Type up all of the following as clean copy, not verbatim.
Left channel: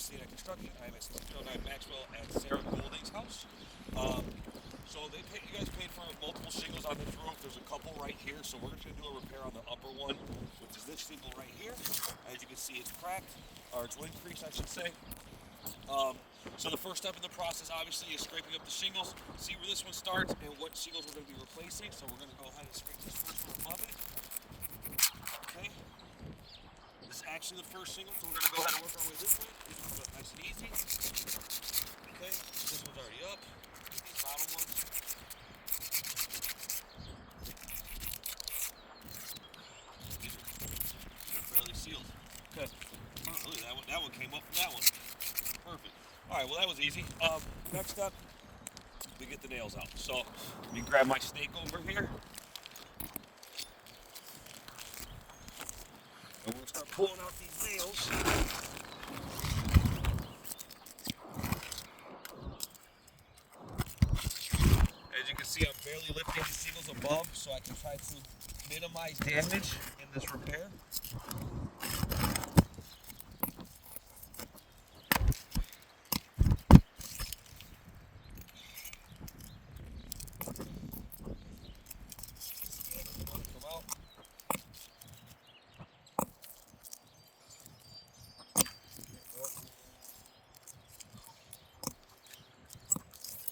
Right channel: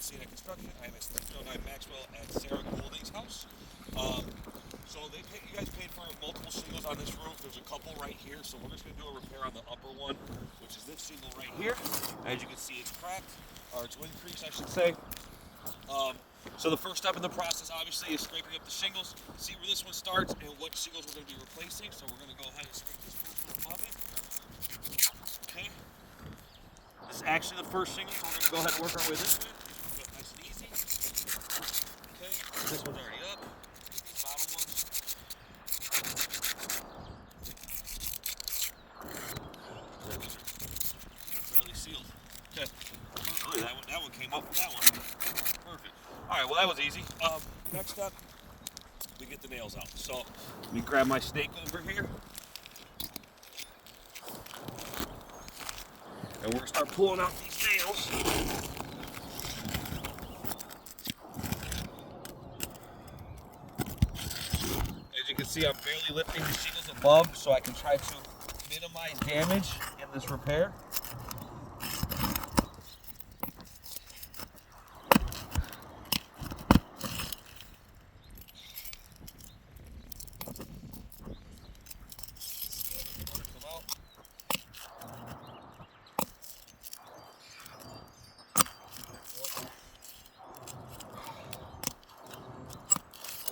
Cena Construction. I am at 309 Maxwell at Sarah Goulding's house. So you guys paid for multiple shingles on this roof. There's a couple right here, so we're just going to do a repair on the upper one, which is this shingle right here. As you can see, it's cracked, or it's wind crease, I should say. So the first step in the process, obviously, is scraping up the shingles, see where this one starts and what shingles we're going to be replacing. So we're going to go ahead and scrape this first one above it. Okay. This is actually the first shingle, so we're going to go ahead and work our way this way. Nice and easy. Okay. This one's already up. The bottom one. These are fairly sealed. Okay. Oh, really, that one came up from that one. Perfect. All right, well, that was easy. Next up, we get the nails out. So let me grab my snake over here. And we're going to start pulling out these nails. As you can see, I'm barely lifting the shingles above so I can try to minimize damage in this repair.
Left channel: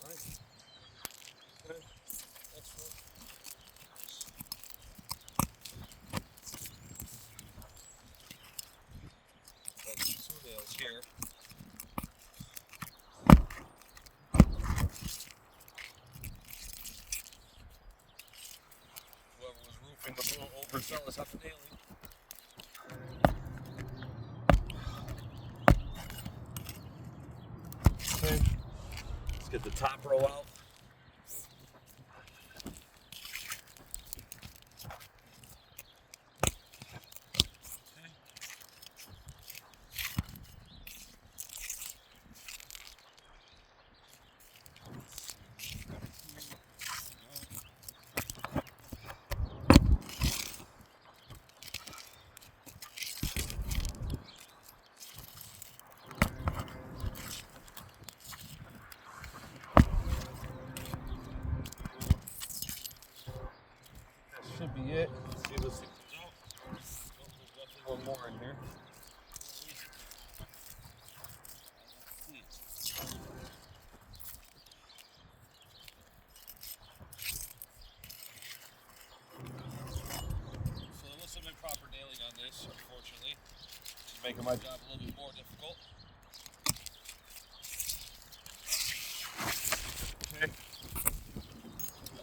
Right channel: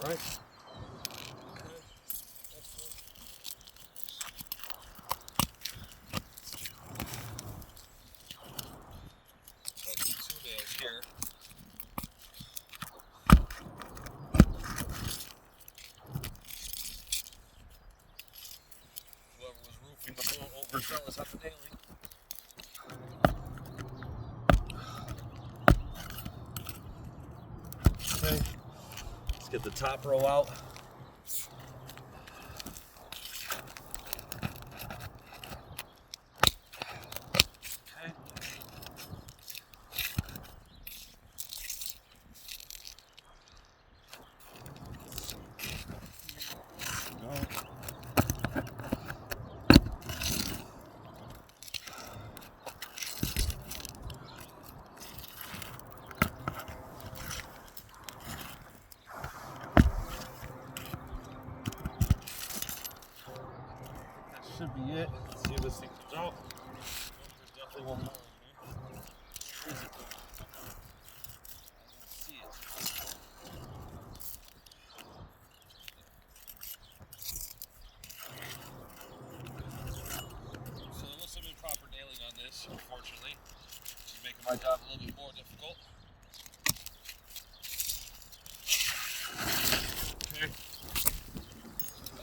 Right. Okay. Excellent. Got 2 nails here. Whoever was roofing was a little overzealous on the nailing. Okay. Let's get the top row out. Okay. Should be it. Let's see if this thing comes out. There's definitely one more in here. I don't see it. So there must have been proper nailing on this, unfortunately. It's making my job a little bit more difficult. Okay.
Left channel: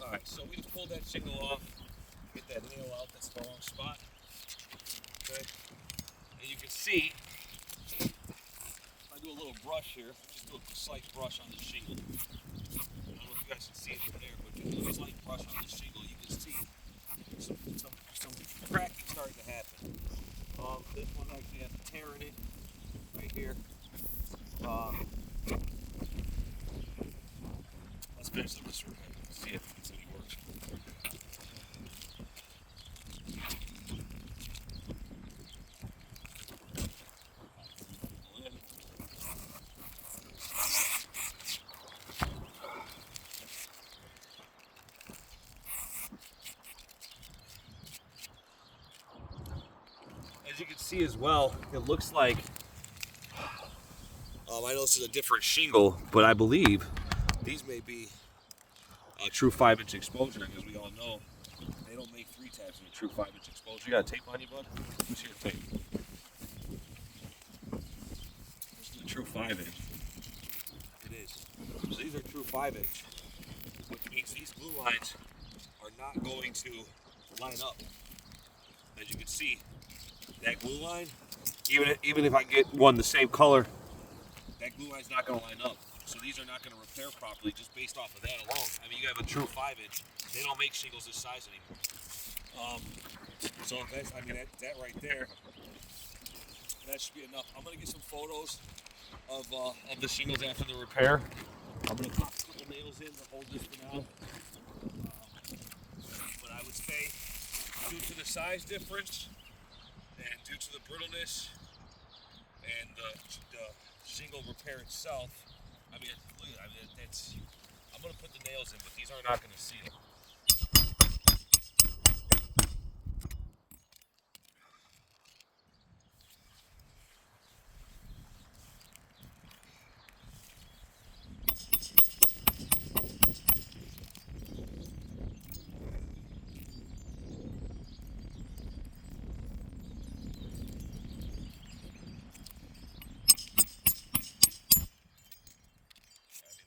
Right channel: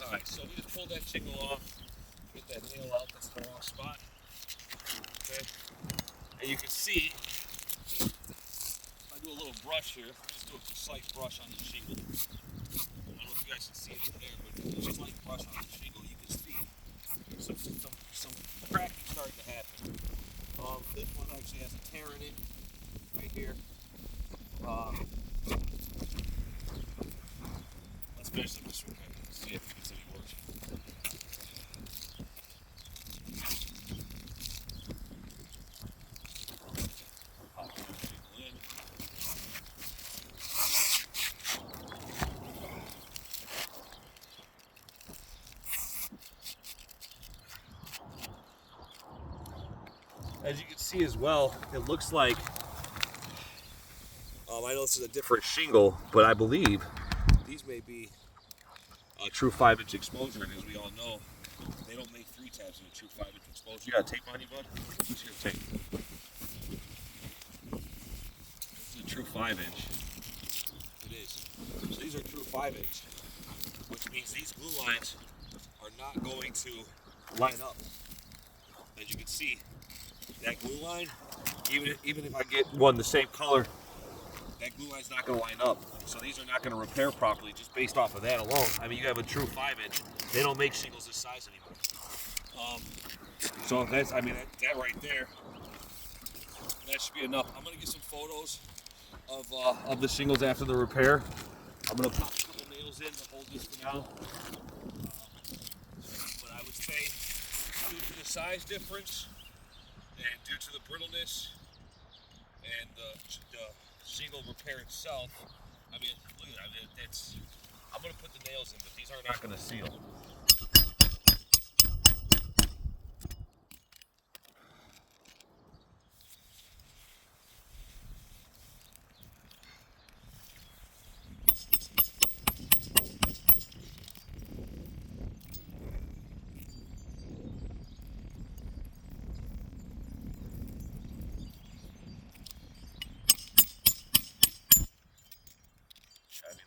Alright, so we just pulled that shingle off. Get that nail out, that's the wrong spot. Okay. And you can see, if I do a little brush here, just do a slight brush on the shingle. I don't know if you guys can see it there, but if you do a slight brush on the shingle, you can see some cracking starting to happen. This one actually has a tear in it, right here. Let's finish this repair, see if it's any worse. As you can see as well, it looks like, I know this is a different shingle, but I believe these may be a true 5-inch exposure, and as we all know, they don't make 3 tabs in a true 5-inch exposure. You got tape on you, bud? Let me see your tape. This is a true 5-inch. It is. So these are true 5-inch, which means these glue lines are not going to line up. As you can see, that glue line, even if I get one the same color, that glue line's not going to line up. So these are not going to repair properly just based off of that alone. I mean, you have a true 5-inch. They don't make shingles this size anymore. So that's, I mean, that right there, that should be enough. I'm going to get some photos of the shingles after the repair. I'm going to pop a couple nails in to hold this for now. But I would say, due to the size difference and due to the brittleness and the shingle repair itself, I mean, look at it, it's, I'm going to put the nails in, but these are not going to seal.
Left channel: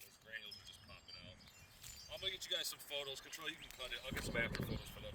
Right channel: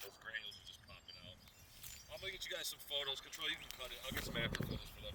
Those granules are just popping out. I'm going to get you guys some photos. Control, you can cut it. I'll get some after photos for them.